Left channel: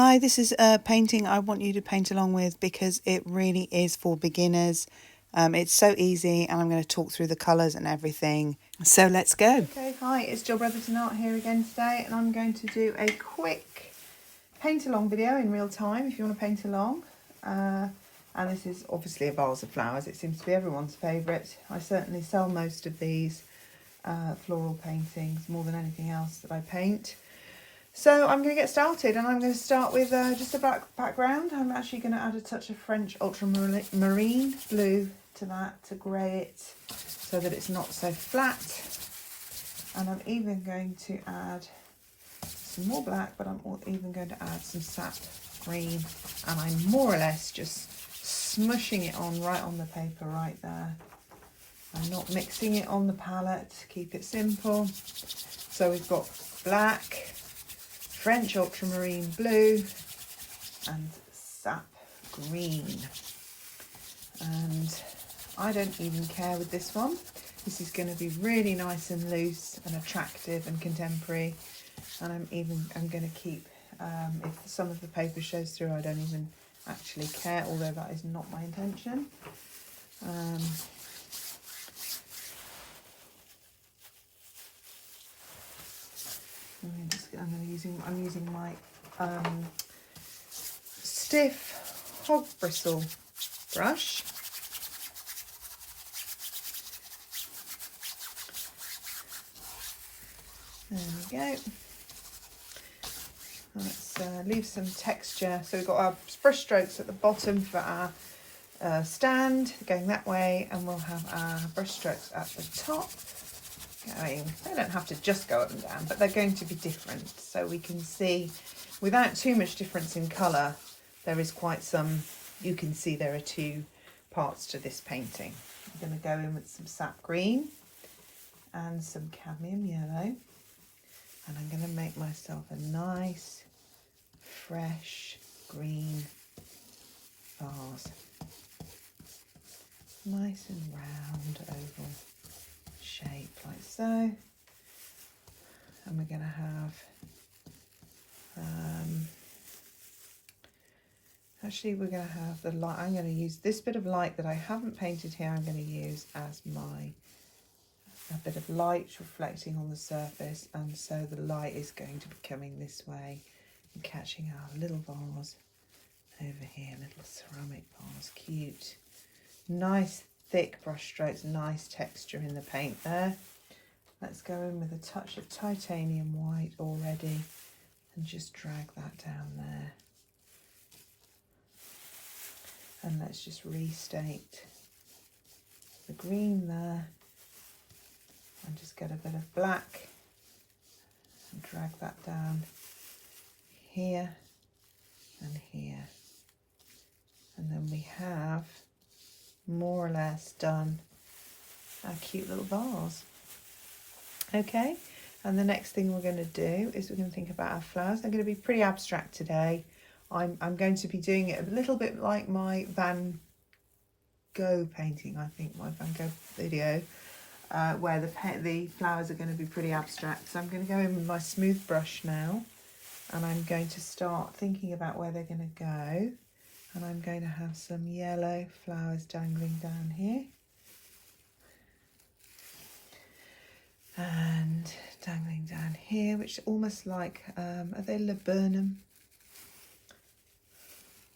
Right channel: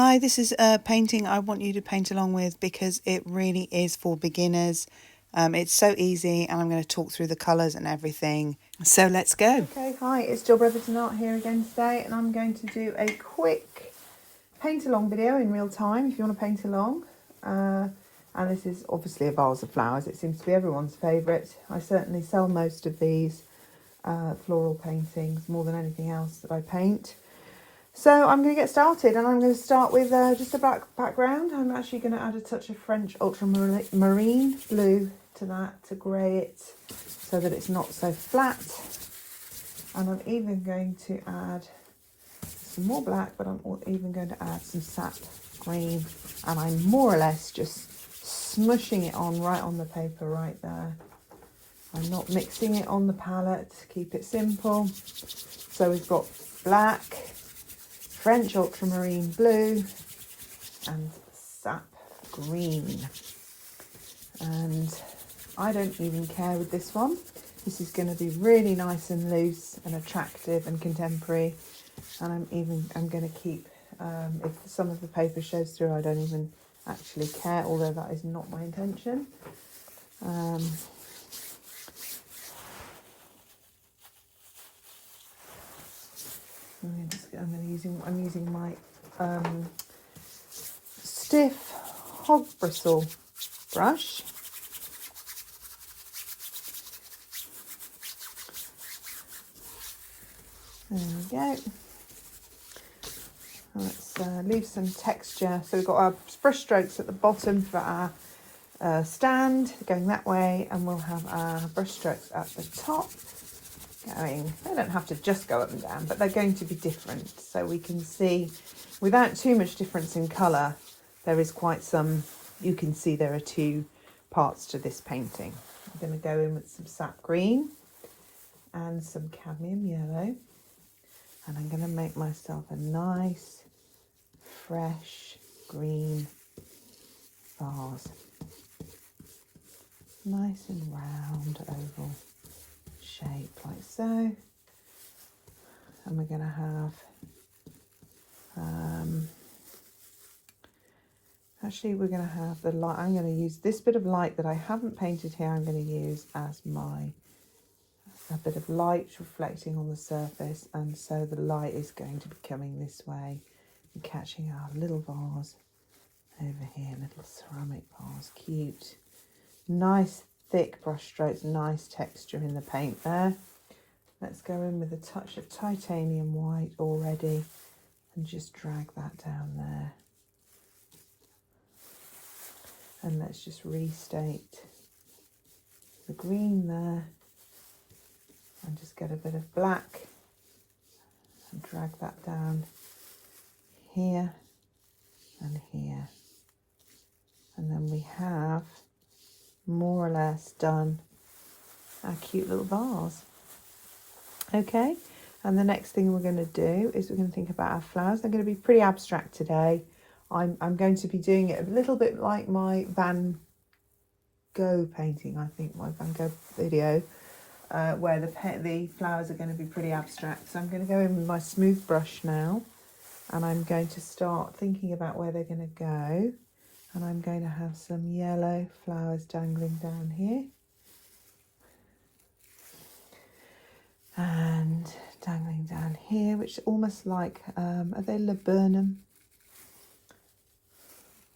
Hi, this is a painting I want you to paint along with because it really is for beginners. It's so easy, and I'm going to talk through the colours and everything. So let's go. Okay, hi, it's Jill Brotherton Art here again today, and I'm going to do a quick paint along video in real time if you want to paint along. And this is obviously a vase of flowers. It seems to be everyone's favourite. I certainly sell most of these floral paintings more than anything else that I paint. So I'm going to get started, and I'm going to start with just a black background. I'm actually going to add a touch of French ultramarine blue to that to grey it so that it's not so flat. And I'm even going to add some more black, but I'm even going to add some sap green, and I'm more or less just smushing it on right on the paper right there. I'm not mixing it on the palette, keep it simple. So we've got black, French ultramarine blue and sap green. And I don't even care with this one. This is going to be really nice and loose and attractive and contemporary. And I'm going to keep, if some of the paper shows through, I don't even actually care, although that is not my intention. I'm using my stiff hog bristle brush. There we go. Let's leave some texture. So we've got our brush strokes at the bottom for our stand going that way, and we'll have our brush strokes at the top. They don't have to just go up and down, but they're going to be different, so we can see without too much difference in colour. There is quite some, you can see there are two parts to this painting. I'm going to go in with some sap green and some cadmium yellow, and I'm going to make myself a nice fresh green vase, nice and round oval shape like so. And we're going to have actually we're going to have the light. I'm going to use this bit of light that I haven't painted here. I'm going to use as a bit of light reflecting on the surface, and so the light is going to be coming this way and catching our little vase over here, little ceramic vase. Cute, nice thick brush strokes, nice texture in the paint there. Let's go in with a touch of titanium white already and just drag that down there. And let's just restate the green there and just get a bit of black and drag that down here and here. And then we have more or less done our cute little vase. Okay, and the next thing we're going to do is we're going to think about our flowers. They're going to be pretty abstract today. I'm going to be doing it a little bit like my Van Gogh painting, I think, my Van Gogh video, where the flowers are going to be pretty abstract. So I'm going to go in with my smooth brush now, and I'm going to start thinking about where they're going to go. And I'm going to have some yellow flowers dangling down here. And dangling down here, which almost like, are they laburnum?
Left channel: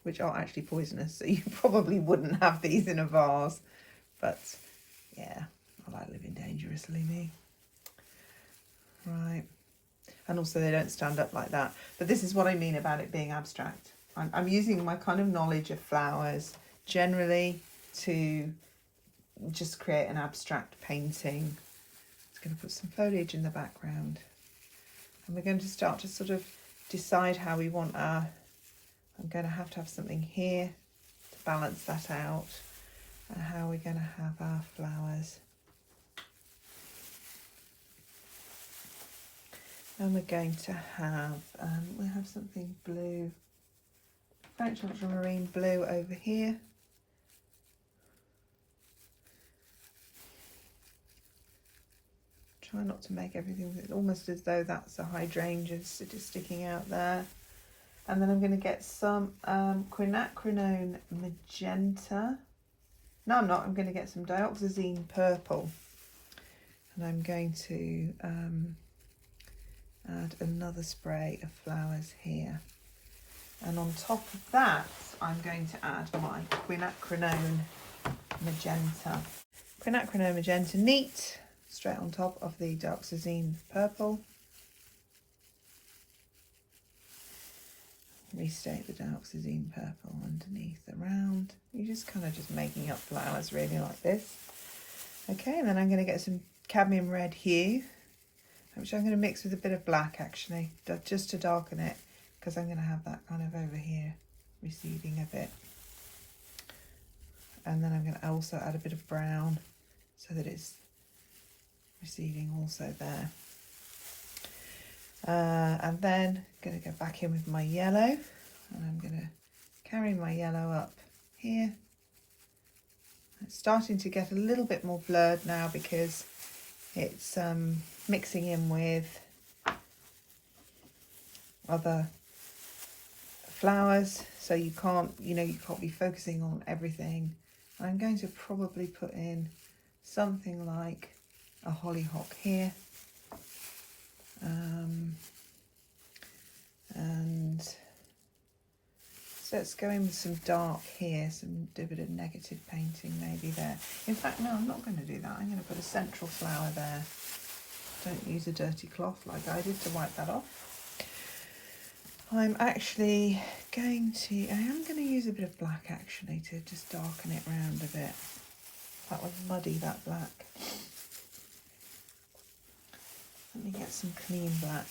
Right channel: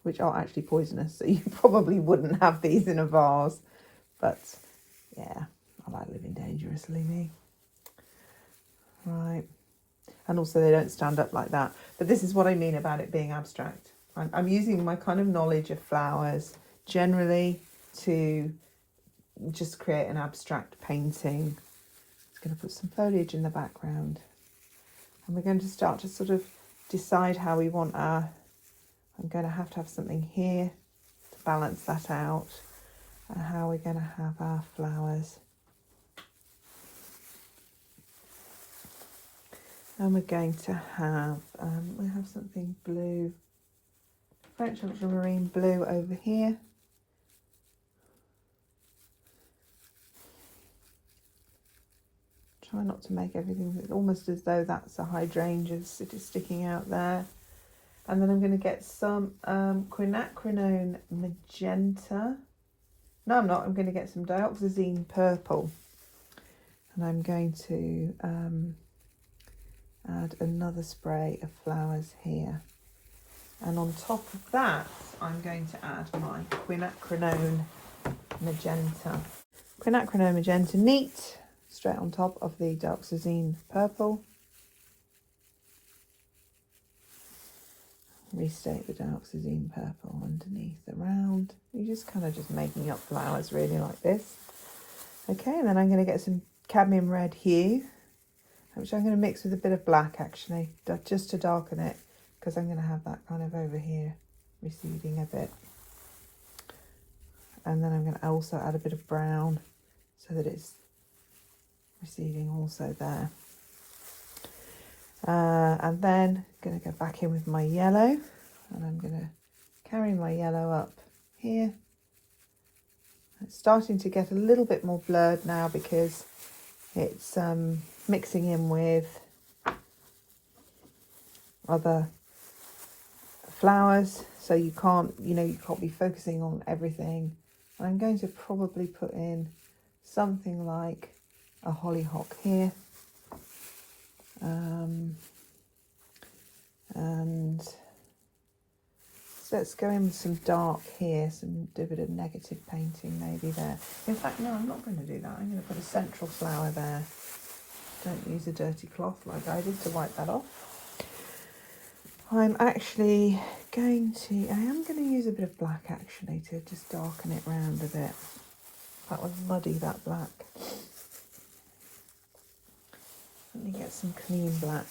Which are actually poisonous, so you probably wouldn't have these in a vase. But yeah, I like living dangerously, me. Right. And also they don't stand up like that. But this is what I mean about it being abstract. I'm using my kind of knowledge of flowers generally to just create an abstract painting. Just going to put some foliage in the background. And we're going to start to sort of decide how we want our... I'm going to have something here to balance that out, and how we're going to have our flowers. And we're going to have, we have something blue, French ultramarine blue over here. Try not to make everything almost as though that's a hydrangea sticking out there. And then I'm going to get some quinacridone magenta. No, I'm not. I'm going to get some dioxazine purple. And I'm going to add another spray of flowers here. And on top of that, I'm going to add my quinacridone magenta. Quinacridone magenta neat, straight on top of the dioxazine purple. Restate the dioxazine purple underneath around. You're just kind of just making up flowers really like this. Okay, and then I'm going to get some cadmium red hue, which I'm going to mix with a bit of black actually, just to darken it, because I'm going to have that kind of over here receding a bit. And then I'm going to also add a bit of brown so that it's receding also there. And then I'm going to go back in with my yellow, and I'm going to carry my yellow up here. It's starting to get a little bit more blurred now because it's mixing in with other flowers, so you can't, you can't be focusing on everything. And I'm going to probably put in something like a hollyhock here. And so let's go in with some dark here, do a bit of negative painting maybe there. In fact, no, I'm not going to do that. I'm going to put a central flower there. Don't use a dirty cloth like I did to wipe that off. I am going to use a bit of black actually to just darken it round a bit. That was muddy, that black. Let me get some clean black.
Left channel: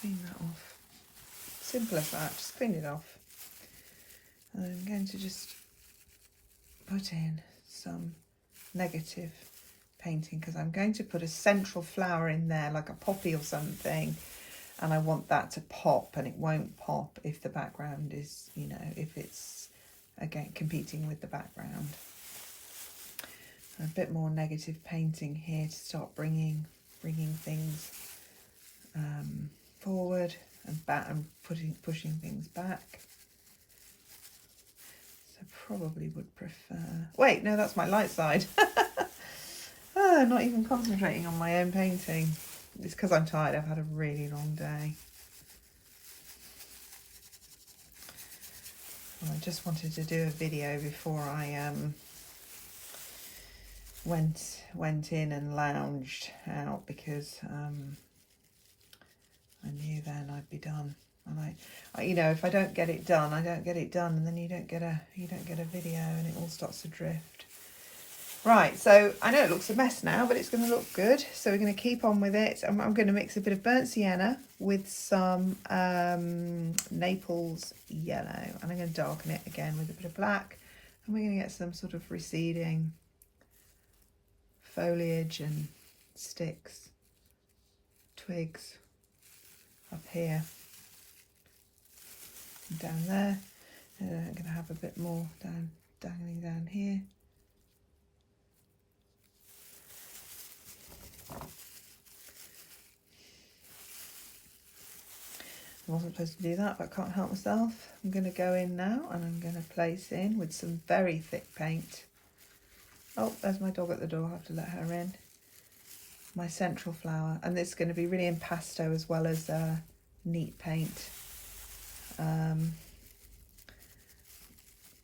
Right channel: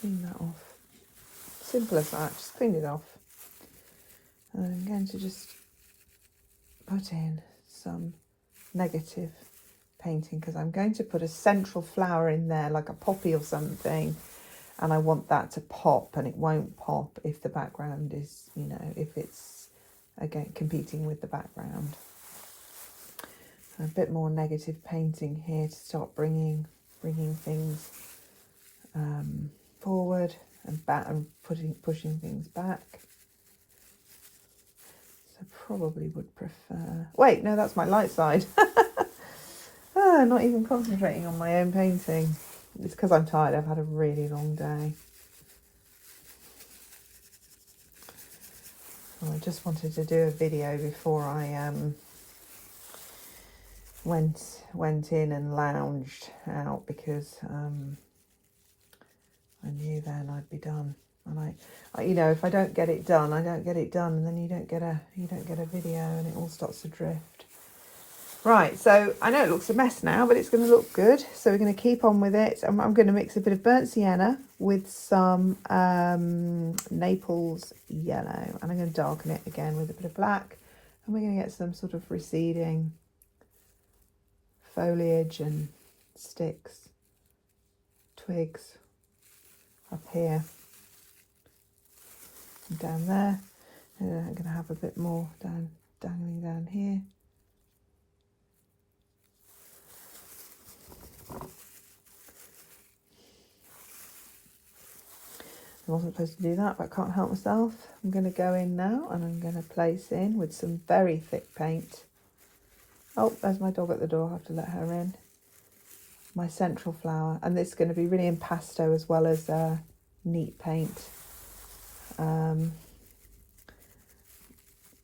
Clean that off. Simple as that, just clean it off. And I'm going to just put in some negative painting because I'm going to put a central flower in there like a poppy or something, and I want that to pop, and it won't pop if the background is, if it's again competing with the background. A bit more negative painting here to start bringing things forward and back, and pushing things back. So probably would prefer. Wait, no, that's my light side. Not even concentrating on my own painting. It's because I'm tired. I've had a really long day. Well, I just wanted to do a video before I went in and lounged out, because I knew then I'd be done. And I if I don't get it done, I don't get it done, and then you don't get a video, and it all starts to drift. Right, so I know it looks a mess now, but it's going to look good. So we're going to keep on with it. I'm going to mix a bit of burnt sienna with some Naples yellow, and I'm going to darken it again with a bit of black, and we're going to get some sort of receding foliage and sticks, twigs up here and down there. And then I'm going to have a bit more dangling down here. I wasn't supposed to do that, but I can't help myself. I'm going to go in now, and I'm going to place in with some very thick paint. Oh, there's my dog at the door. I have to let her in. My central flower, and this is going to be really impasto as well as neat paint,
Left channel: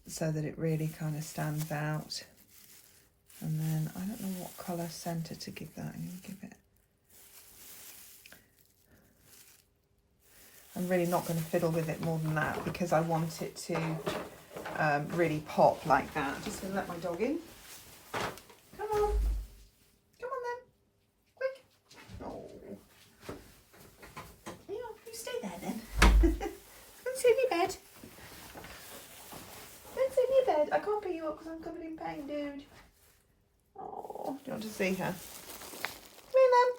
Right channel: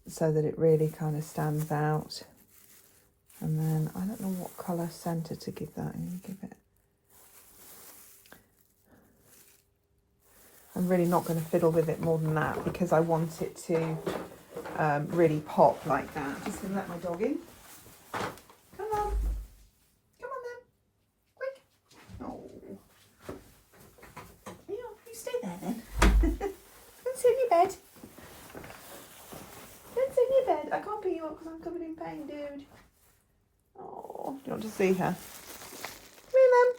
so that it really kind of stands out. And then I don't know what colour centre to give that. I'm going to give it. I'm really not going to fiddle with it more than that, because I want it to really pop like that. I'm just going to let my dog in. Come on. Come on then. Quick. Oh. Yeah, you stay there then. Don't sit in your bed. Don't sit in your bed. I can't pick you up because I'm covered in pain, dude. Oh, do you want to see her? Come here, Mum.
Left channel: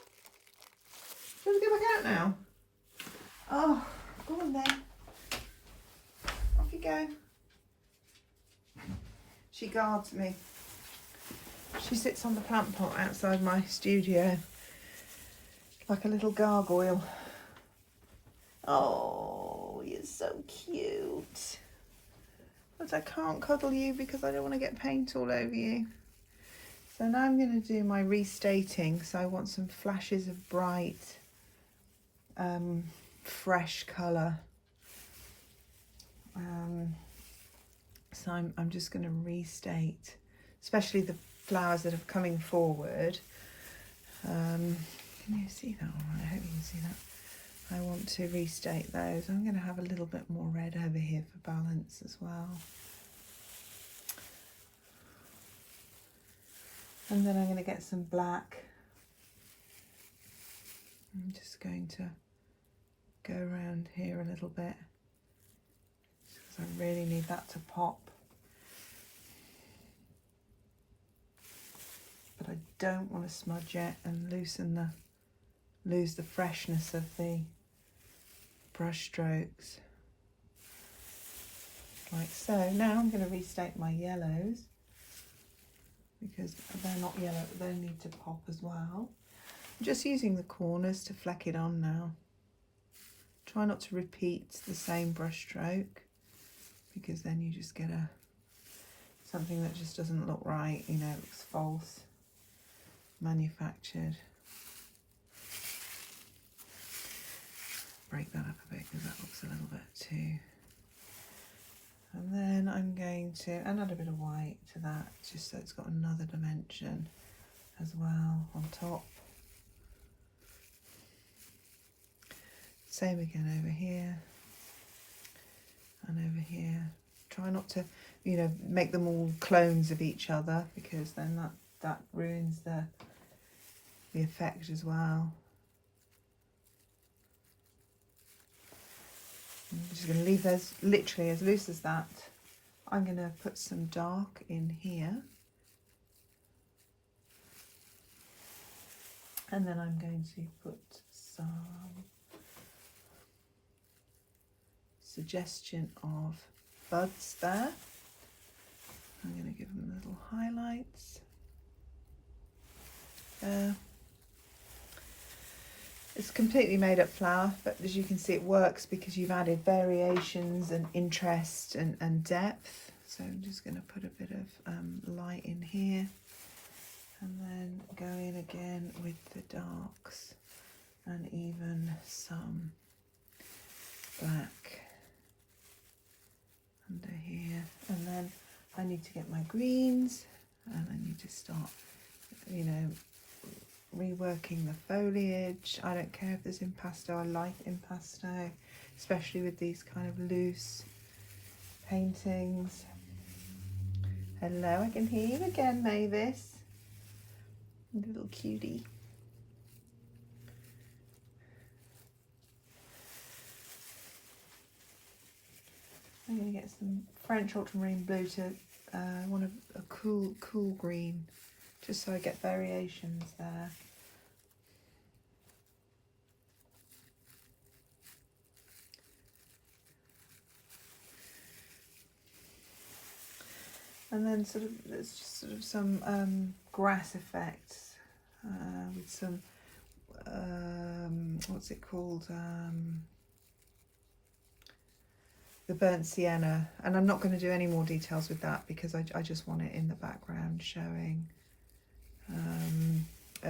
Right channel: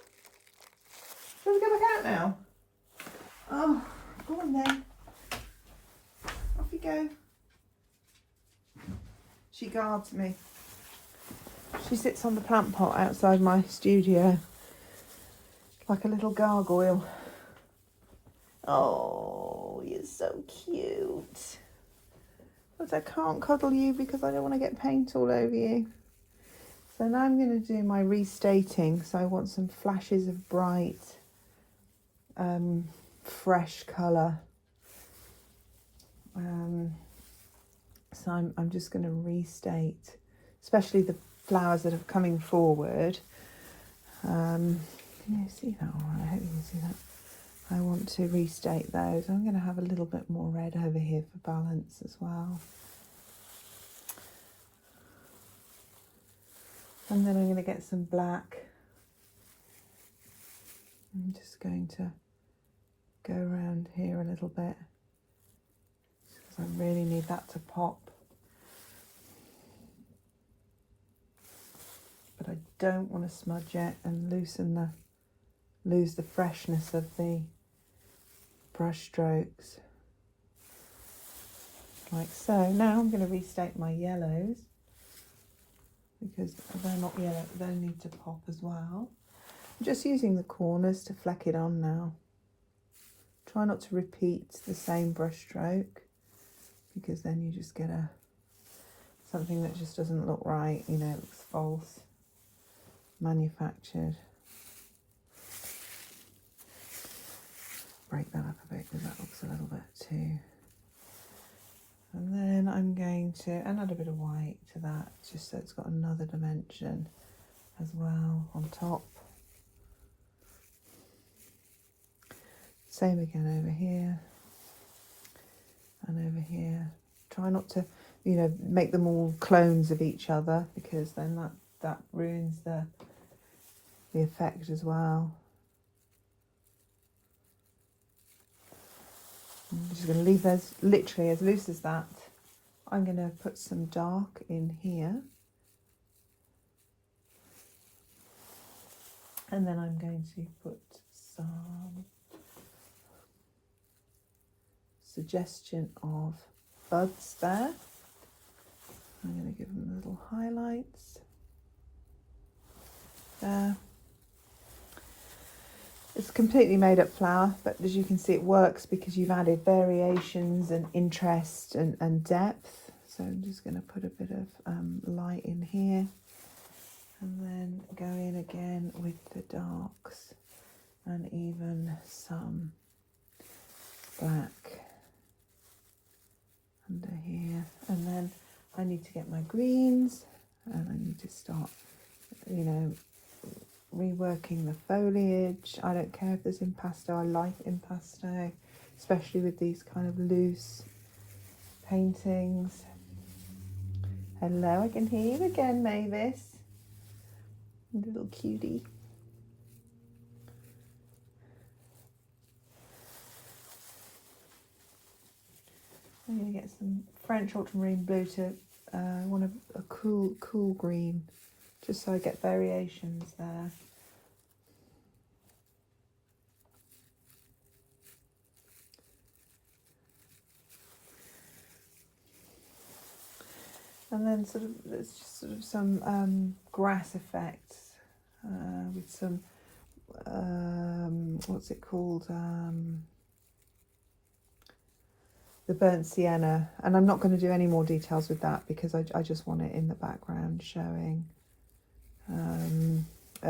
Do you want to go back out now? Oh, go on then. Off you go. She guards me. She sits on the plant pot outside my studio, like a little gargoyle. Oh, you're so cute. But I can't cuddle you because I don't want to get paint all over you. So now I'm going to do my restating. So I want some flashes of bright, fresh colour. So I'm just going to restate, especially the flowers that are coming forward. Can you see that? Oh, I hope you can see that. I want to restate those. I'm going to have a little bit more red over here for balance as well. And then I'm going to get some black. I'm just going to go around here a little bit because I really need that to pop. But I don't want to smudge it and lose the freshness of the brush strokes. Like so. Now I'm going to restate my yellows because they're not yellow, they need to pop as well. I'm just using the corners to fleck it on now. Try not to repeat the same brush stroke because then you just get something that just doesn't look right, you know, it looks false, manufactured. Break that up a bit because that looks a little bit too. And then I'm going to add a bit of white to that just so it's got another dimension as well on top. Same again over here and over here. Try not to, you know, make them all clones of each other because then that ruins the effect as well. I'm just going to leave those literally as loose as that. I'm going to put some dark in here. And then I'm going to put some suggestion of buds there. I'm going to give them little highlights there. It's completely made up flower, but as you can see it works because you've added variations and interest and depth. So I'm just going to put a bit of light in here and then go in again with the darks and even some black under here. And then I need to get my greens and I need to start, you know, reworking the foliage. I don't care if there's impasto, I like impasto, especially with these kind of loose paintings. Hello, I can hear you again, Mavis. Little cutie. I'm going to get some French ultramarine blue to want a cool green, just so I get variations there. And then there's just sort of some grass effects with some, what's it called? The burnt sienna. And I'm not going to do any more details with that because I just want it in the background showing.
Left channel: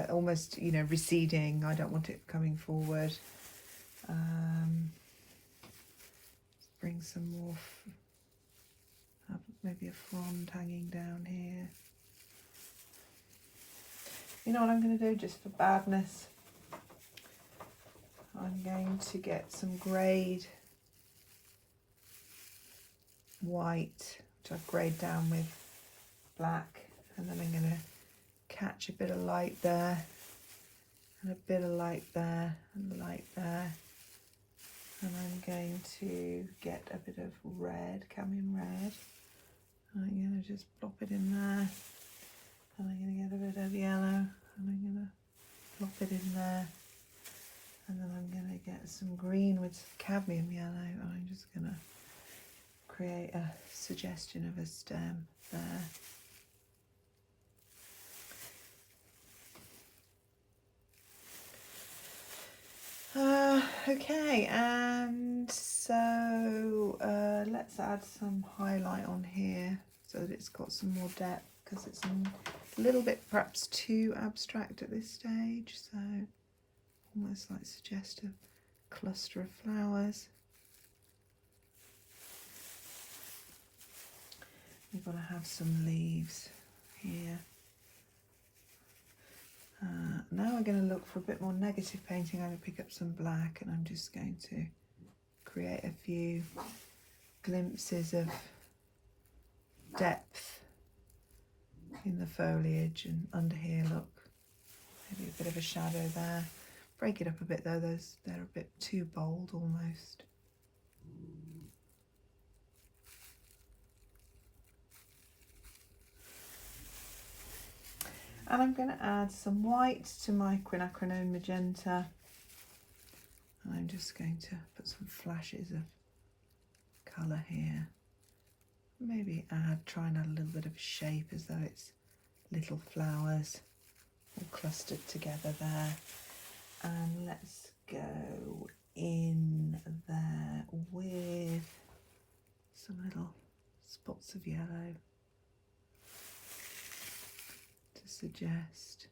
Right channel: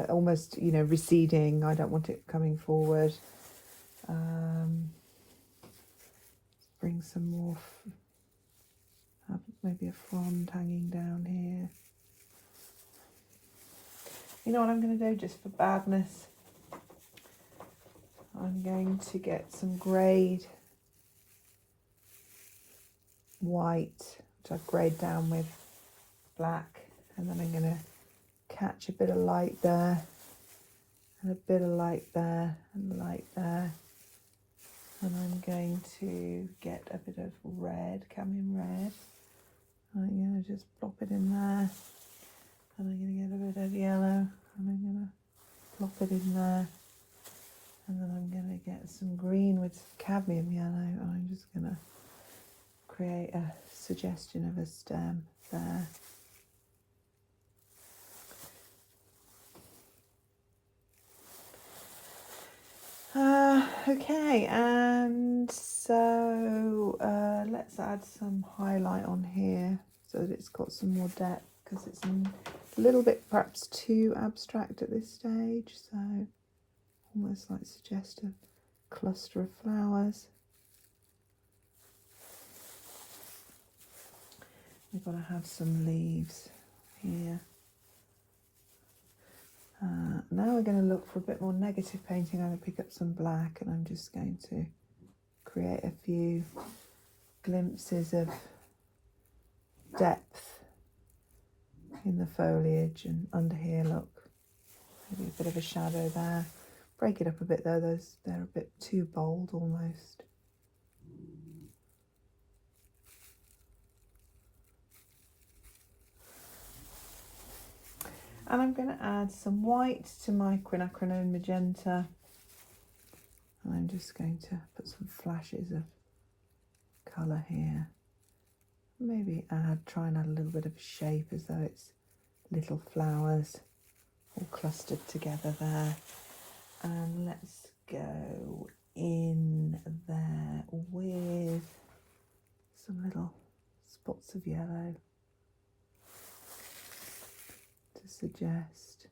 Almost, you know, receding. I don't want it coming forward. Bring some more, maybe a frond hanging down here. You know what I'm going to do just for badness? I'm going to get some greyed white, which I've greyed down with black, and then I'm going to catch a bit of light there and a bit of light there and light there, and I'm going to get a bit of red, cadmium red. I'm going to just plop it in there, and I'm going to get a bit of yellow and I'm going to plop it in there, and then I'm going to get some green with cadmium yellow, and I'm just going to create a suggestion of a stem there. Okay, and so let's add some highlight on here so that it's got some more depth, because it's a little bit perhaps too abstract at this stage. So almost like suggest a cluster of flowers. We've got to have some leaves here. Now we're going to look for a bit more negative painting. I'm going to pick up some black and I'm just going to create a few glimpses of depth in the foliage and under here. Look, maybe a bit of a shadow there. Break it up a bit though, they're a bit too bold almost. And I'm going to add some white to my quinacridone magenta. And I'm just going to put some flashes of colour here. Maybe try and add a little bit of shape as though it's little flowers all clustered together there. And let's go in there with some little spots of yellow to suggest,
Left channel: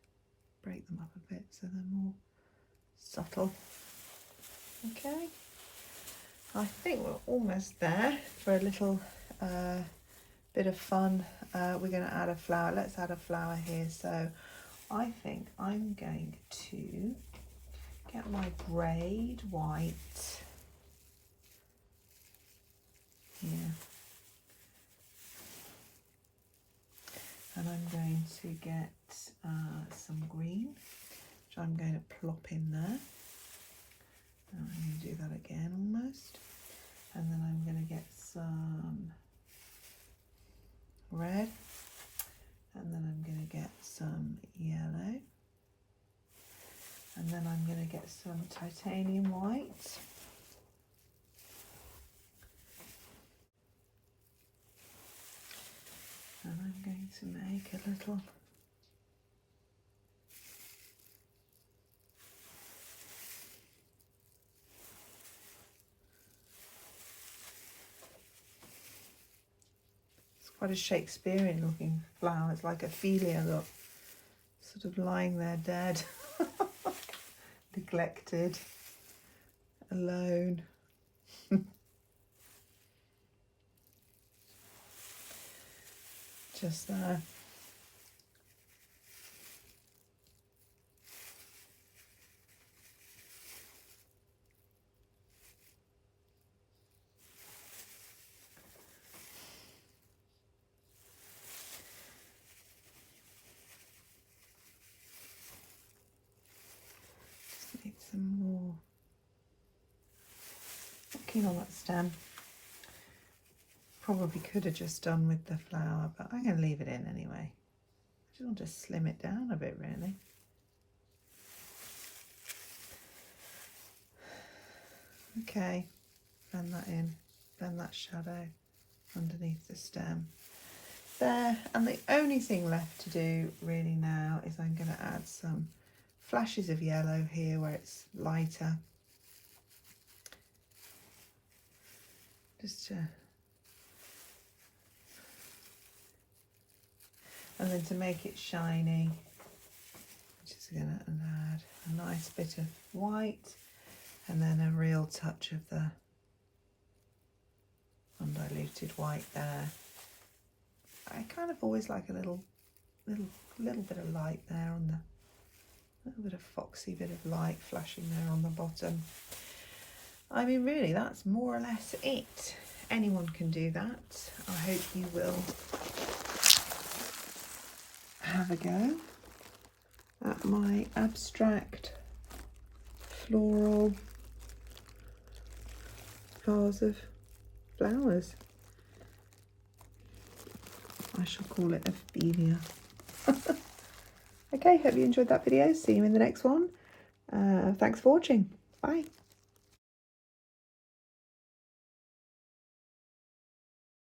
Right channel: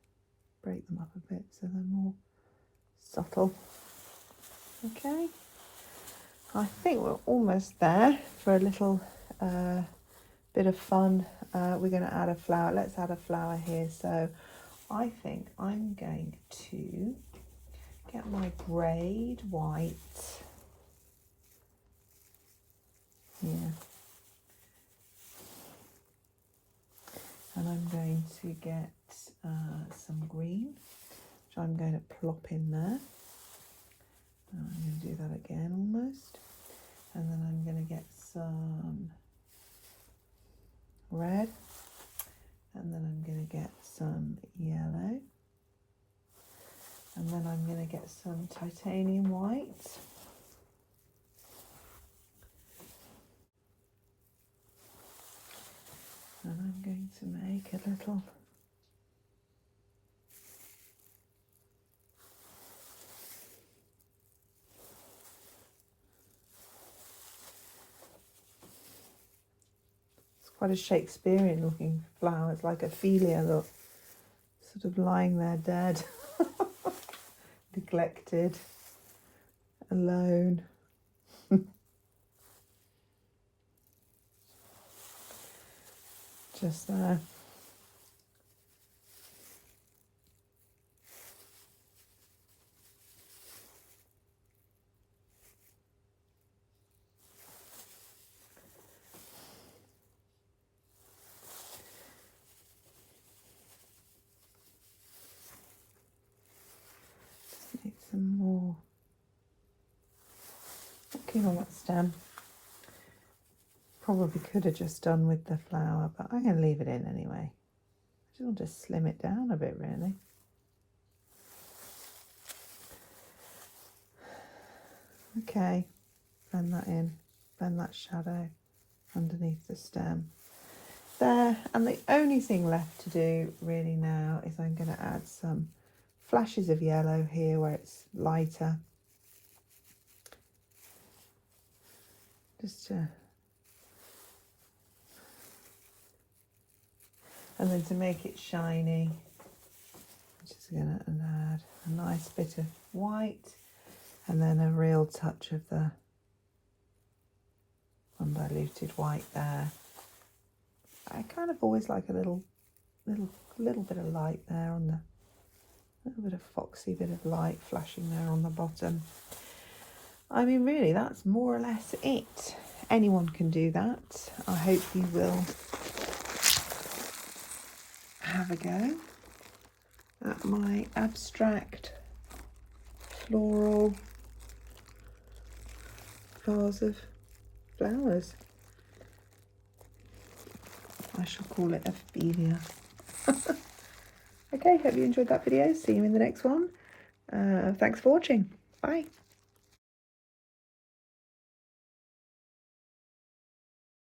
break them up a bit so they're more subtle. Okay, I think we're almost there for a little bit of fun. We're going to add a flower. Let's add a flower here. So I think I'm going to get my grade white here, and I'm going to get some green, which I'm going to plop in there. I'm going to do that again almost, and then I'm going to get some red, and then I'm going to get some yellow, and then I'm going to get some titanium white, and I'm going to make a little quite a Shakespearean looking flower. It's like Ophelia, look, sort of lying there dead, neglected, alone. Just there. Need some more. Looking on that stem. Probably could have just done with the flower, but I'm going to leave it in anyway. I'll just slim it down a bit, really. Okay, blend that in, blend that shadow underneath the stem. There, and the only thing left to do really now is I'm going to add some flashes of yellow here where it's lighter. Just to, and then to make it shiny, I'm just going to add a nice bit of white and then a real touch of the undiluted white there. I kind of always like a little bit of light there on the, little bit of foxy bit of light flashing there on the bottom. I mean, really, that's more or less it. Anyone can do that. I hope you will have a go at my abstract floral vase of flowers. I shall call it Ophelia. Okay, hope you enjoyed that video. See you in the next one. Thanks for watching. Bye.